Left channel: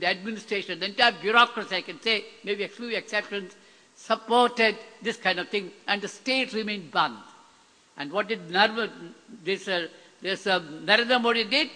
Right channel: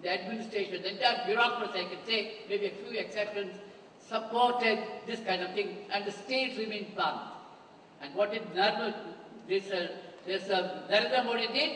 the administration, the entire bureaucracy, I can say, maybe a few exceptions, supported this kind of thing, and the state remained banned. And what did Narendra Modi did?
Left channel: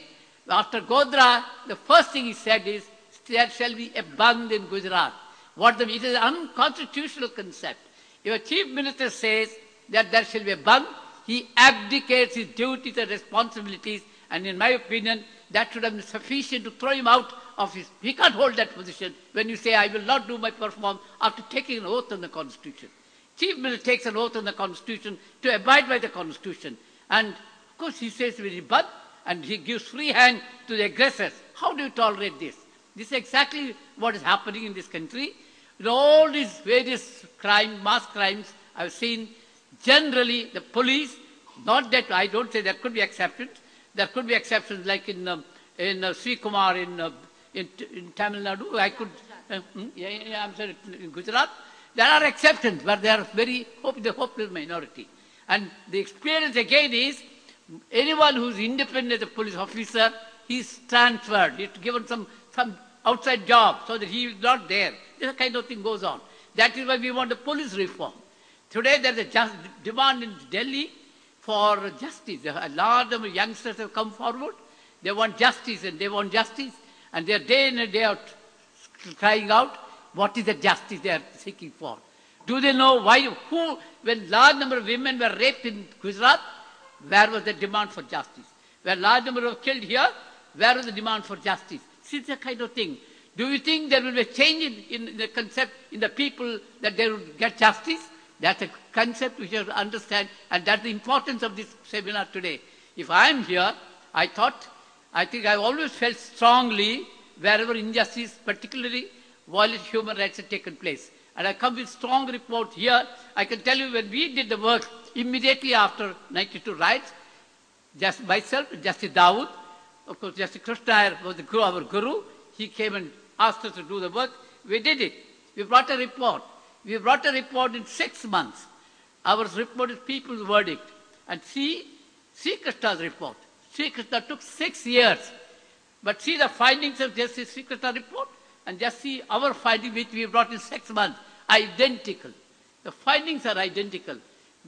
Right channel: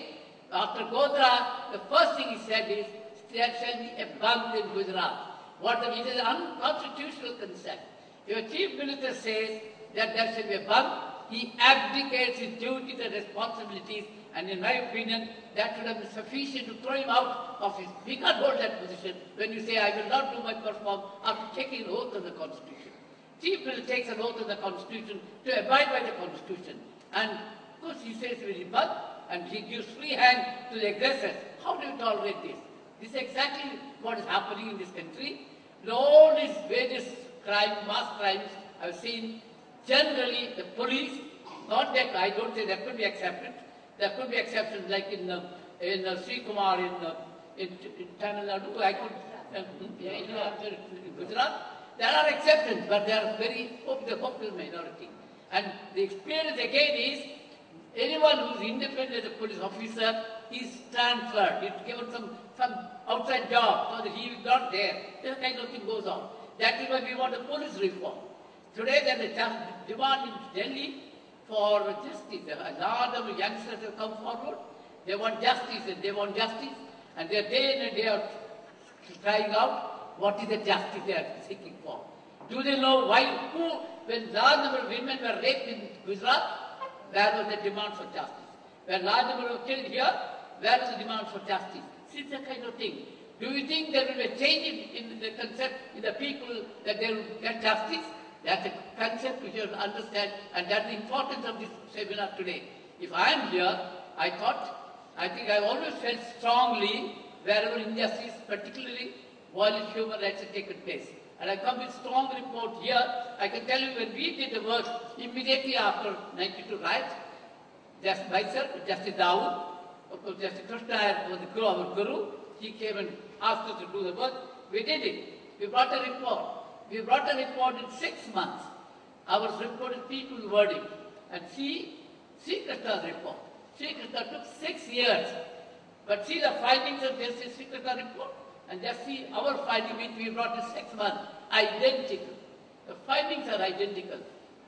After Godra, the first thing he said is, there shall be a Band in Gujarat. It is an unconstitutional concept. If a chief minister says that there shall be a Band, he abdicates his duties and responsibilities, and in my opinion, that should have been sufficient to throw him out of his... He can't hold that position when you say, I will not do my performance after taking an oath on the Constitution. Chief minister takes an oath on the Constitution to abide by the Constitution. And of course he says very bad, and he gives free hand to the aggressors. How do you tolerate this? This is exactly what is happening in this country. In all these various crimes, mass crimes, I've seen generally the police, not that I don't say there could be exceptions. There could be exceptions like in Sri Kumar in Tamil Nadu. In Gujarat. There are exceptions, but they are the hopeless minority. And the experience again is anyone who is independent as a police officer, he is transferred. He is given some outside job so that he is not there. This kind of thing goes on. That is why we want a police reform. Today there is a demand in Delhi for justice. A large number of youngsters have come forward. They want justice and they want justice. And they are day in and day out crying out what is the justice they are seeking for. Do they know why, when large number of women were raped in Gujarat, where was the demand for justice? When large number were killed here, where was the demand for justice? See, that kind of thing. Do you think there will be a change in the concept in the people that they will get justice? That's a concept we should understand, and that's the importance of this seminar today. If I am here, I think I always felt strongly wherever injustice, particularly violent human rights have taken place. And I come with strong report here. I can tell you when we did the work immediately after 92 riots, just myself, Justice Dawood, of course Justice Krishna was our guru, he came and asked us to do the work. We did it. We brought a report. We brought a report in 6 months. Our report is people's verdict. And see Krishna's report. Sri Krishna took 6 years. But see the findings of Justice Sri Krishna report and just see our finding which we brought in 6 months. Identical. The findings are identical.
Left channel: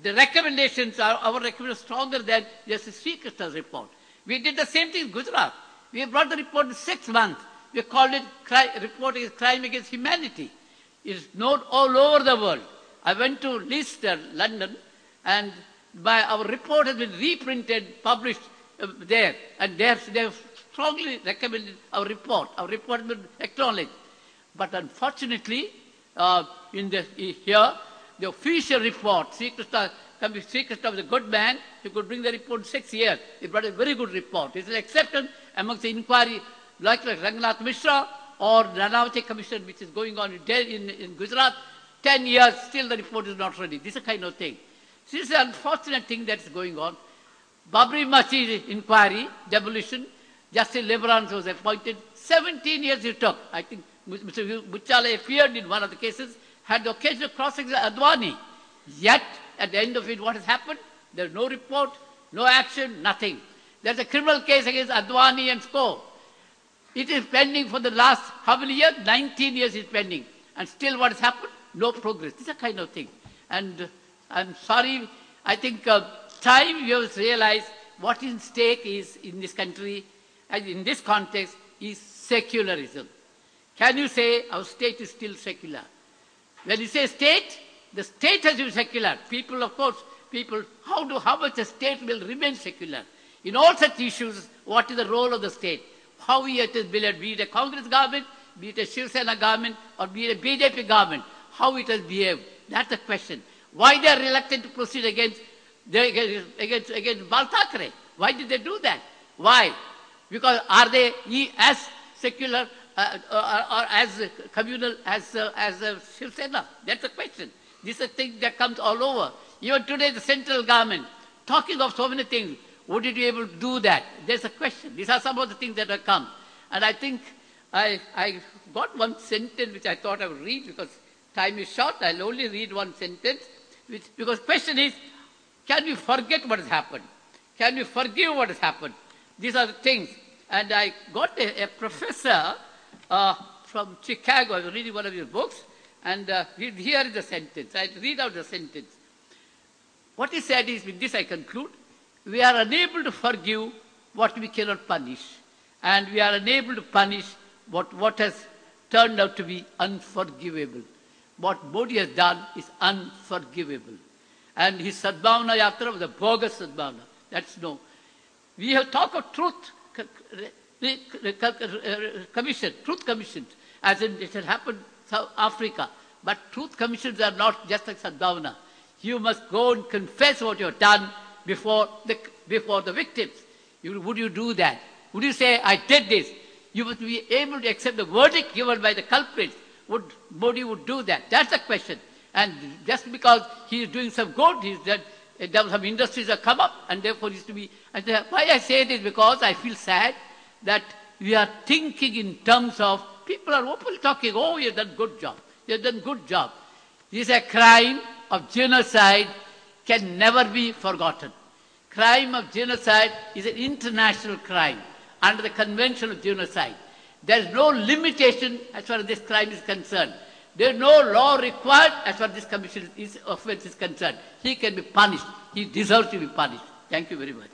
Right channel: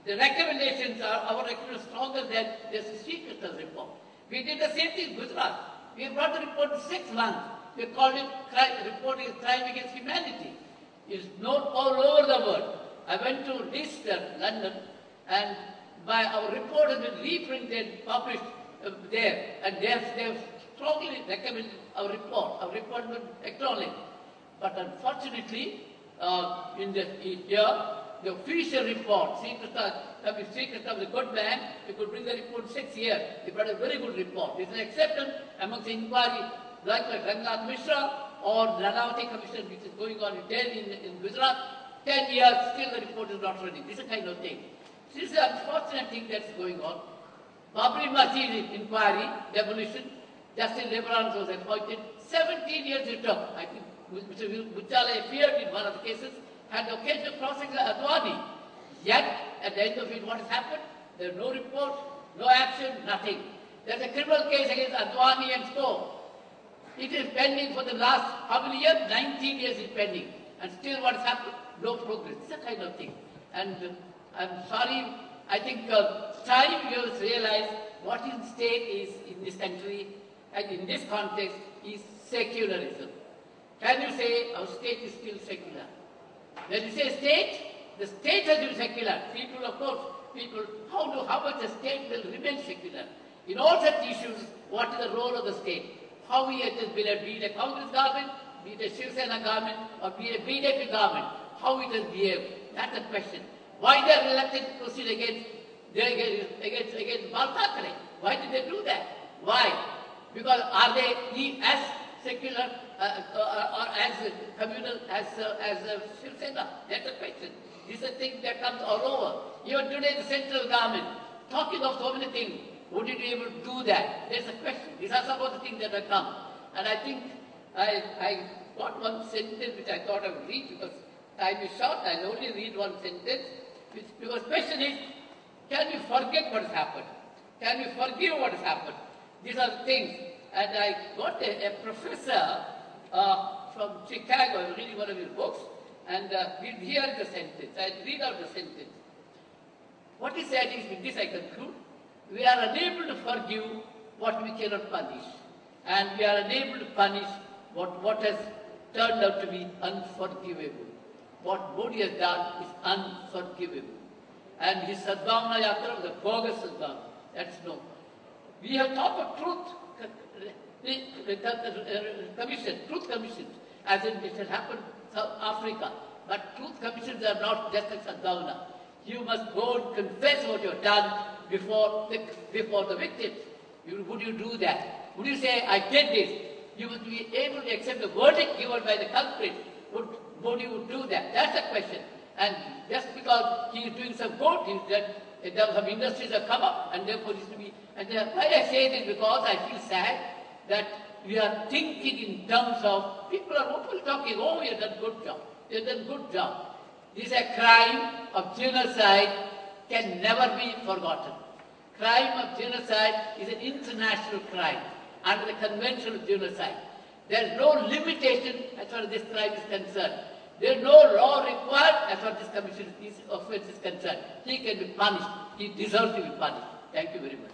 The recommendations are, our recommendations are stronger than Justice Sri Krishna's report. We did the same thing in Gujarat. We brought the report in 6 months. We called it report is crime against humanity. It is known all over the world. I went to Leicester, London, and our report has been reprinted, published there, and they have strongly recommended our report. Our report has been acknowledged. But unfortunately, here, the official report, Sri Krishna was a good man, he could bring the report in 6 years. He brought a very good report. It's an acceptance amongst the inquiry, like Rangnath Mishra or Nanavati Commission, which is going on in Gujarat. 10 years, still the report is not ready. This is a kind of thing. This is an unfortunate thing that's going on. Babri Masjid inquiry, demolition, Justice Lebrun was appointed. 17 years it took. I think Mr. Buchala appeared in one of the cases, had the occasion of cross-examining Advani. Yet, at the end of it, what has happened? There is no report, no action, nothing. There's a criminal case against Advani and Sko. It is pending for the last, how many years? 19 years is pending. And still what has happened? No progress. This is a kind of thing. And I'm sorry, I think time you have realized what is at stake is in this country and in this context is secularism. Can you say our state is still secular? When you say state, the state has been secular. People, of course, how much the state will remain secular? In all such issues, what is the role of the state? How it is built, be it a Congress government, be it a Shiv Sena government, or be it a BJP government, how it has behaved? That's the question. Why they are reluctant to proceed against Bal Thackeray? Why did they do that? Why? Because are they as secular or as communal as Shiv Sena? That's the question. This is a thing that comes all over. Even today, the central government, talking of so many things, would it be able to do that? There's a question. These are some of the things that have come. And I think I got one sentence which I thought I would read because time is short. I'll only read one sentence. Because the question is, can we forget what has happened? Can we forgive what has happened? These are the things. And I got a professor from Chicago. I was reading one of his books, and here is the sentence. I read out the sentence. What he said is, with this I conclude, we are unable to forgive what we cannot punish, and we are unable to punish what has turned out to be unforgivable. What Modi has done is unforgivable. And his Sadbhavana Yatra was a bogus Sadbhavana. That's no. We have talked of truth commissions, as in it has happened in South Africa. But truth commissions are not just like Sadbhavana. You must go and confess what you have done before the victims. Would you do that? Would you say, I did this? You must be able to accept the verdict given by the culprits. Modi would do that? That's the question. And just because he is doing some good, some industries have come up, and therefore it is to be. And why I say it is because I feel sad that we are thinking in terms of, people are openly talking, oh, you have done good job. You have done good job. This is a crime of genocide, can never be forgotten. Crime of genocide is an international crime under the Convention of Genocide. There is no limitation as far as this crime is concerned. There is no law required as far as this commission offense is concerned. He can be punished. He deserves to be punished. Thank you very much.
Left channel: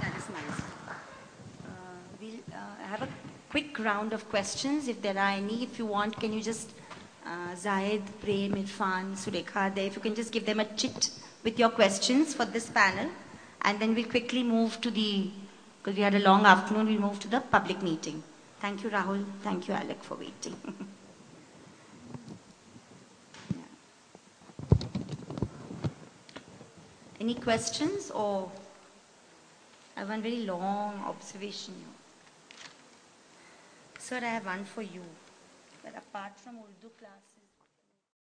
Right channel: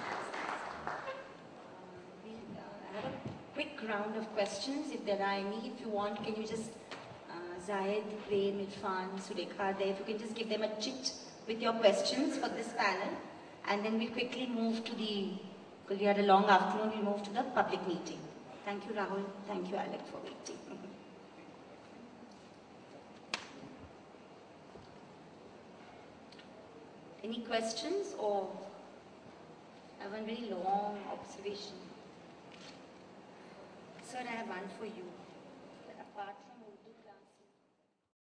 That's nice. We'll have a quick round of questions. If there are any, if you want, can you just, Zahid, Prem, Irfan, Sulekha, there, if you can just give them a chit with your questions for this panel. And then we'll quickly move to because we had a long afternoon, we'll move to the public meeting. Thank you, Rahul. Thank you, Alec, for waiting. Any questions, or I have one very long observation. Sir, I have one for you. That apart from Urdu class,